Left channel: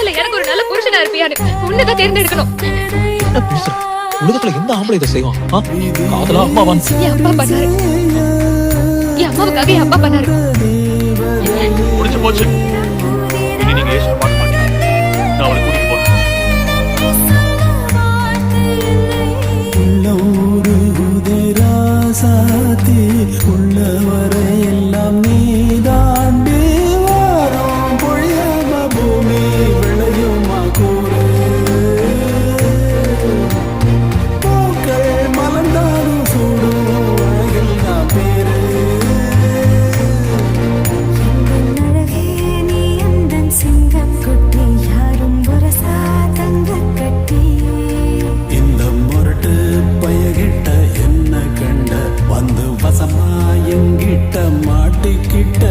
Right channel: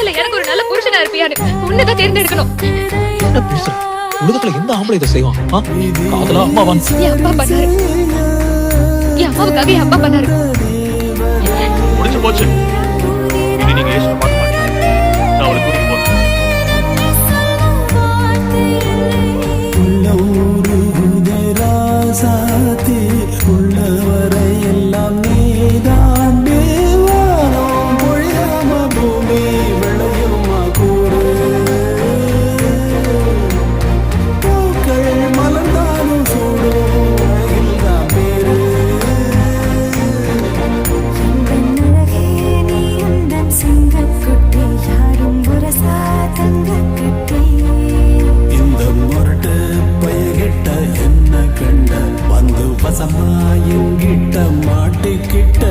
இல்ல எனக்கு ஒரு நல்ல புருஷனா இருப்பியான்னு உன்னதான் தேர்ந்தெடுக்கணும். என்ன பேசுற? உலகத்துல எந்த ஆம்பளை இதை செய்வான்? காதலா அம்மாவான்? என் அப்பா பண்ணாரு. என் அம்மாவுக்காக என் அப்பா பண்ணாரு. முடிஞ்சு போச்சு. இனி நீங்க ஏசுல பார்க்க மாட்டீங்க. நான் அவளை கூட்டிட்டு போறேன். சாத்தி உள்ளவரை எல்லாம் நீதாண்டு வாரம் பொழியாம பூமி விளையுமா கூறு பூக்கள் மலர்ந்தாலும் சூடும் அழகில் தான் பேரு அழகே நீ அந்த சிங்கக்குட்டி யாரும் புரசா தங்க கட்டி இந்த முரட்டு பயகிட்ட என்ன கண்ட வந்து வசமா எங்கிட்ட மாட்டிக்கிட்ட